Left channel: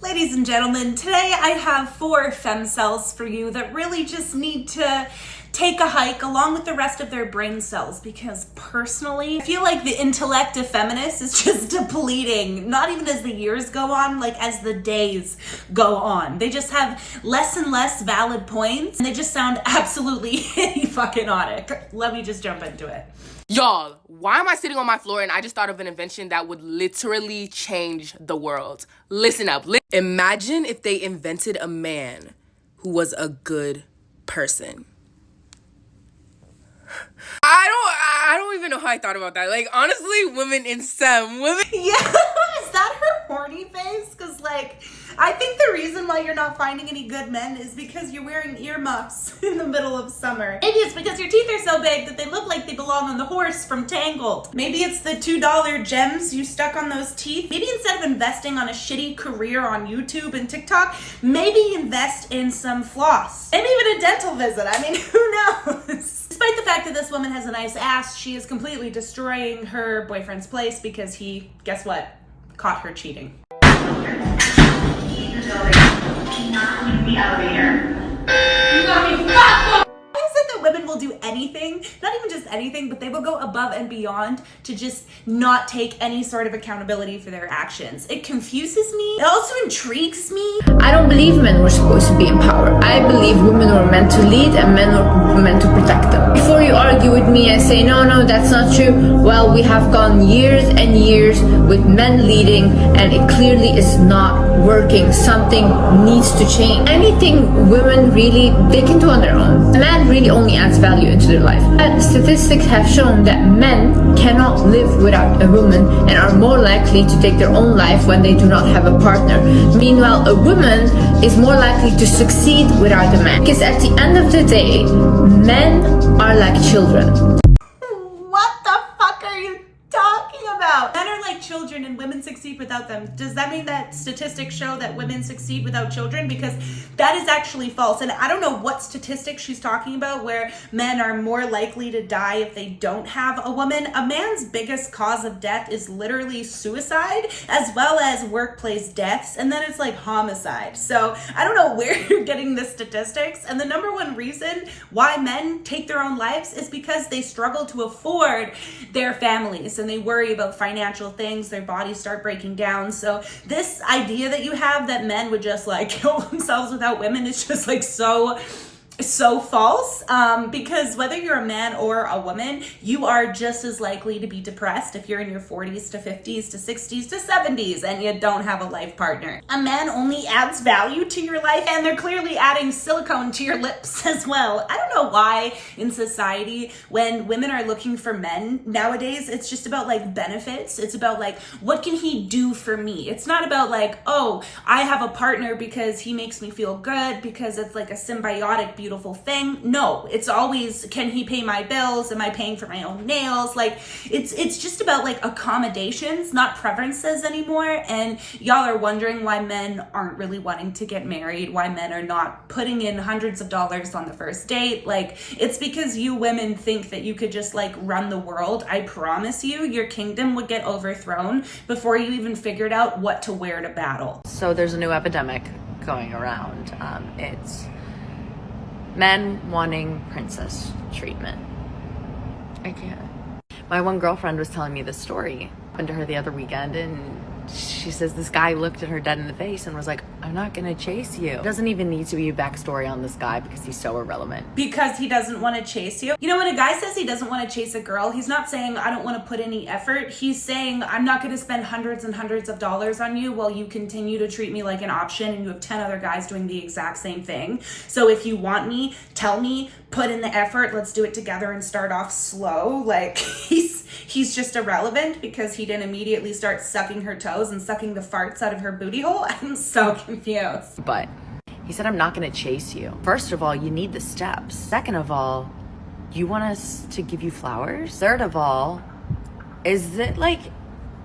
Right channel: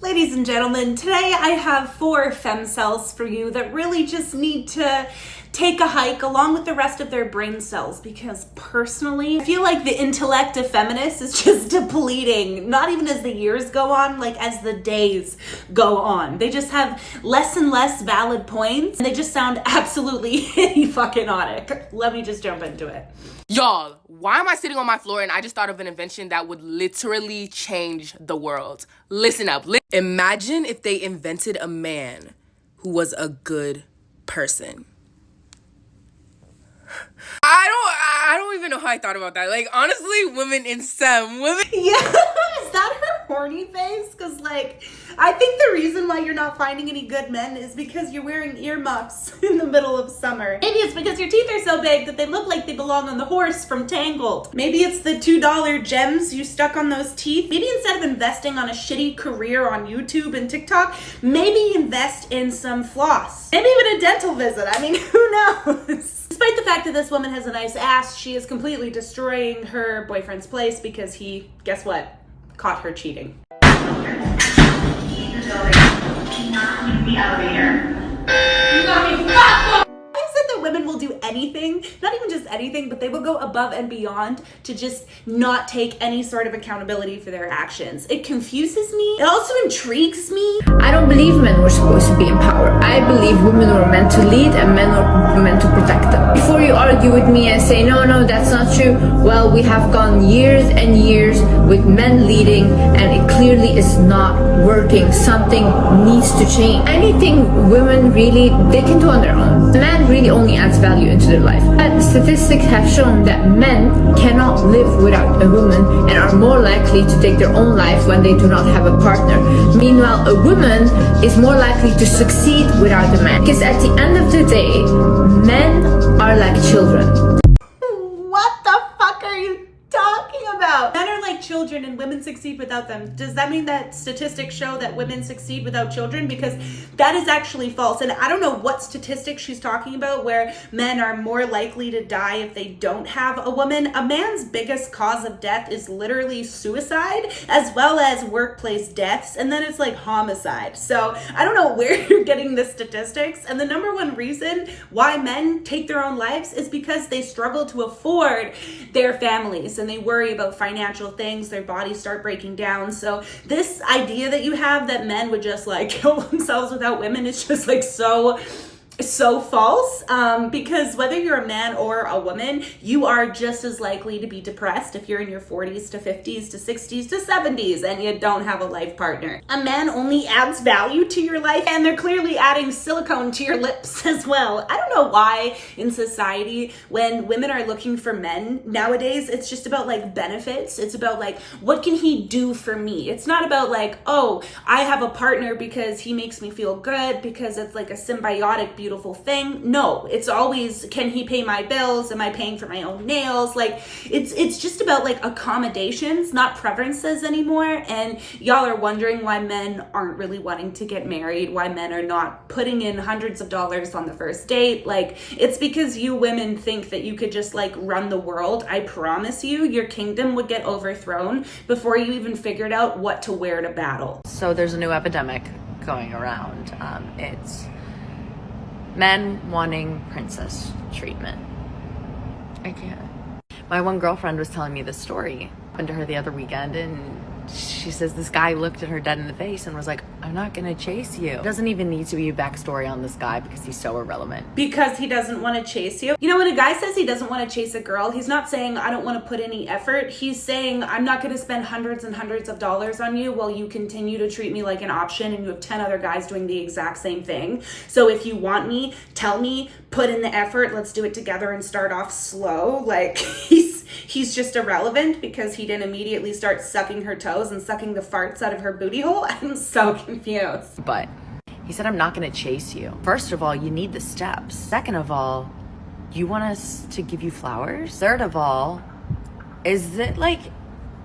Ladies and gentlemen, today I have 4 cells for you that really just need to take a hike along with the rest of their brain cells, because personally, I feel like the intellect of feminists is just depleting, not even as the years go on, like as the days go on. They just have less and less valid points, and they just sound absolutely fucking-otic. Let me just jump into it. Y'all, why am I sitting on my floor and I just thought of an invention that would literally change the world? Listen up. Imagine if they invented a man who was a good person. I don't even know how I thought about that. Like, honestly, women in STEM. Yeah, is that her horny face? Because, like, I think the reason why you're not finding any good men is because you're wearing earmuffs in the middle of summer. Maybe it's because your teeth are so big that they look like they belong on the horse from Tangled. Maybe it's the $2 gems you stuck on those teeth. Maybe instead of investing on a shitty career on YouTube and TikTok, maybe invest in some floss. Maybe even a dental visit. I mean, who knows? Despite the fact that this woman has a nice ass, she is completely destroying her boyfriend's place because he, guess what, caught her cheating. Women will do anything, not even just anything, but they will go above and beyond to just not take any sort of accountability for their actions. It confuses me. It also intrigues me. I don't believe men were supposed to be in power. I believe women were meant to lead and men were meant to protect them. Before you argue with me and say, no, that's not true, well, we have gone years and years with men leading and it clearly is not working. Something needs to change. Anything women really, they can do on their own. Men really only adds value into their life. And statistics have shown that men cannot live without a woman and are more likely to take their own life when they do not have a partner. Meanwhile, a woman is more likely to succeed without a man. Because at the end of the day, men are like children. What the fuck are you talking about? Men are like children and women succeed without them. Does that mean that statistics show that women succeed without children? Because that is actually false. And I don't know what statistics she's talking about where men are more likely to die if they don't have a woman. A man's biggest cause of death is literally suicide, as well as workplace deaths. And then it's like homicide. So I don't know where you're getting the statistics. And the number one reason why men take their own lives is because they struggle to afford their families and they worry about financial things. Their bodies start breaking down. So this idea that you have that men would just like kill themselves without women is just like so false, because whether you're a man or a woman, you are just as likely to be depressed if you're in your 40s to 50s to 60s to 70s and you don't have a life partner. A man only adds value to your life, and they're clearly adding silicone to your lips as well. I don't know why in society when women are looking for men nowadays, it's just about like benefits. It's about like, what can he do for me? It's not about like, oh, I have a partner because he makes me feel good, because it's like a symbiotic, beautiful thing. No, it's always, can he pay my bills? Am I paying for my own nails? Like, it's just about like accommodations, not preferences anymore. And y'all are wondering why men aren't really wanting to get married, why men are not putting in hundreds of dollars on the first date. Like, it's because you women think that you could just like run the world. I promise you, your kingdom would get overthrown before you even figured out what to wear to battle. So there's a new epidemic going around. It's men wanting princess treatment. I can't. My one girlfriend was telling me this story. Happened to her the other weekend, and she says this guy looked at her dead in the face and was like, I'm not gonna chase you. It doesn't even need to be a backstory on this guy because he's so irrelevant. Because he doesn't want to chase you. You know, when a guy says he doesn't want to chase a girl, he's not saying I don't want to put any effort. He's saying I'm not going to spend hundreds and hundreds of dollars on you while you continue to treat me like an option and you have 10 other guys doing the exact same thing. So if you want me, tell me, put in the effort, let's do it together and start off slow. Like, he's just irrelevant because he didn't immediately start sucking her toes and sucking the farts out of her booty hole. I'm so confused. But he said, I'm not gonna chase you. First of all, you need the steps. Second of all, you want us to give you flowers? Third of all, is it a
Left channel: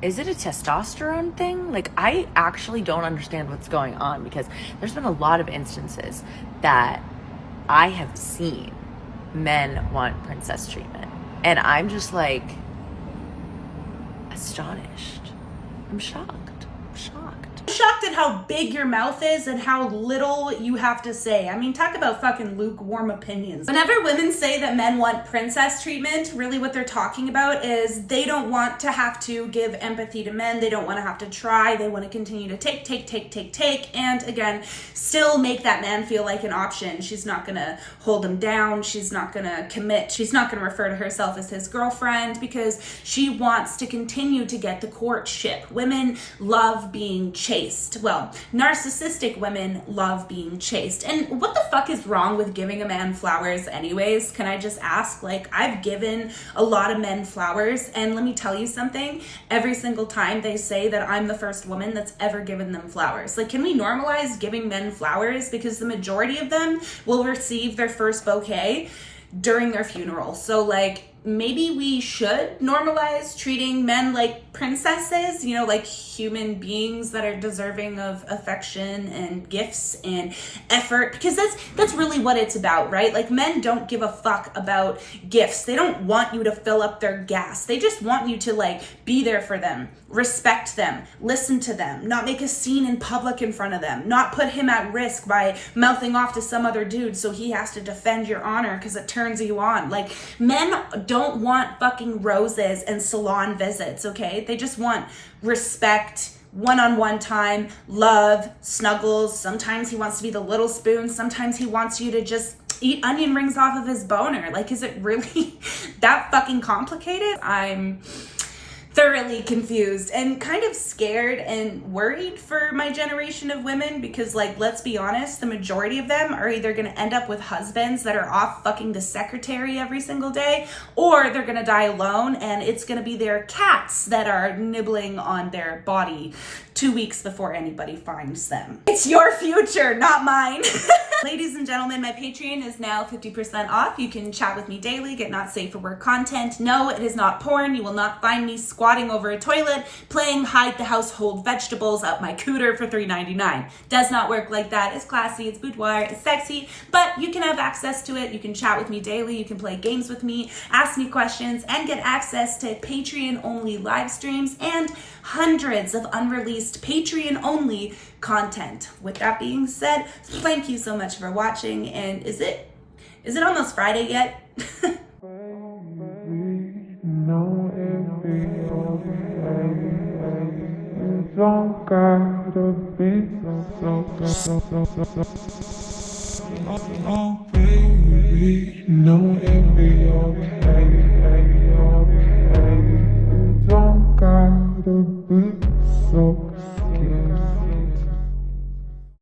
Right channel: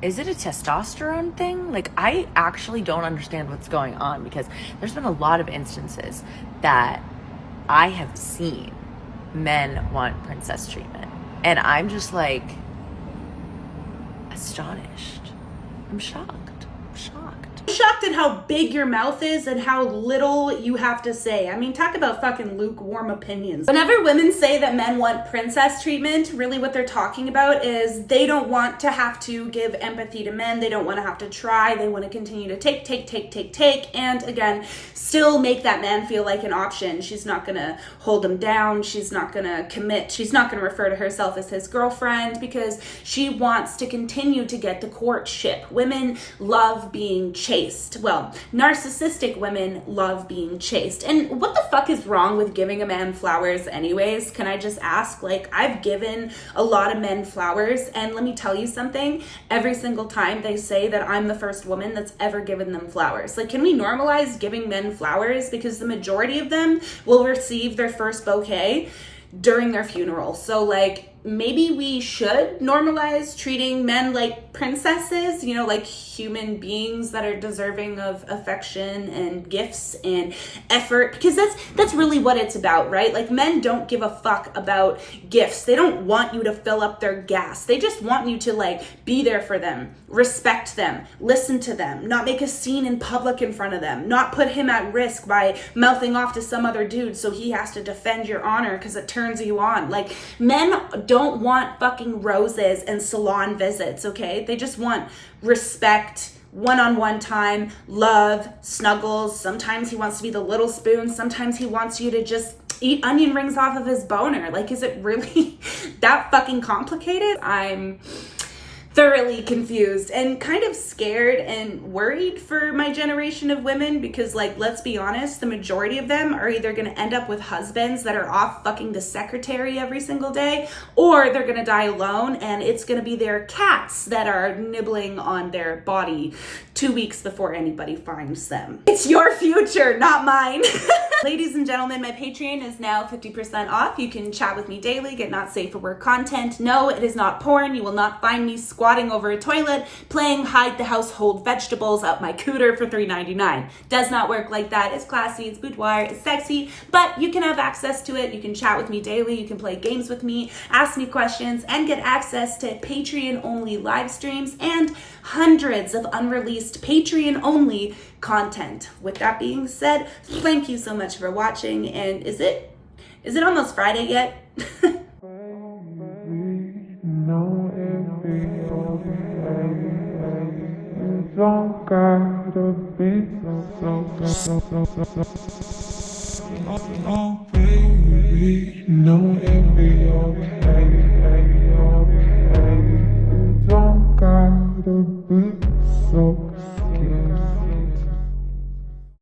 testosterone thing? Like, I actually don't understand what's going on, because there's been a lot of instances that I have seen men want princess treatment. And I'm just like astonished. I'm shocked. I'm shocked at how big your mouth is and how little you have to say. I mean, talk about fucking lukewarm opinions. Whenever women say that men want princess treatment, really what they're talking about is they don't want to have to give empathy to men. They don't want to have to try. They want to continue to take, and again, still make that man feel like an option. She's not gonna hold him down. She's not gonna commit. She's not gonna refer to herself as his girlfriend because she wants to continue to get the courtship. Women love being chased. Well, narcissistic women love being chased. And what the fuck is wrong with giving a man flowers anyways? Can I just ask? Like, I've given a lot of men flowers, and let me tell you something, every single time they say that I'm the first woman that's ever given them flowers. Like, can we normalize giving men flowers? Because the majority of them will receive their first bouquet during their funeral. So like, maybe we should normalize treating men like princesses, you know, like human beings that are deserving of affection and gifts and effort, because that's really what it's about, right? Like, men don't give a fuck about gifts. They don't want you to fill up their gas. They just want you to like be there for them, respect them, listen to them, not make a scene in public in front of them, not put him at risk by mouthing off to some other dude so he has to defend your honor because it turns you on. Like, men don't want fucking roses and salon visits, okay? They just want respect, one-on-one time, love, snuggles. Sometimes he wants to be the little spoon. Sometimes he wants you to just eat onion rings off of his boner. Like, is it really that fucking complicated? I'm thoroughly confused and kind of scared and worried for my generation of women because, like, let's be honest, the majority of them are either going to end up with husbands that are off fucking the secretary every single day, or they're going to die alone and it's going to be their cats that are nibbling on their body 2 weeks before anybody finds them. It's your future, not mine. Ladies and gentlemen, my Patreon is now 50% off. You can chat with me daily, get not safe for work content. No, it is not porn. You will not find me squatting over a toilet, playing hide the household vegetables out my cooter for $3.99. Does not work like that. It's classy, it's boudoir, it's sexy, but you can have access to it. You can chat with me daily. You can play games with me, ask me questions, and get access to Patreon-only live streams and hundreds of unreleased Patreon-only content. With that being said, thank you so much for watching. And is it almost Friday yet? Don't gotta be oh baby, no, it'll be okay. Don't gotta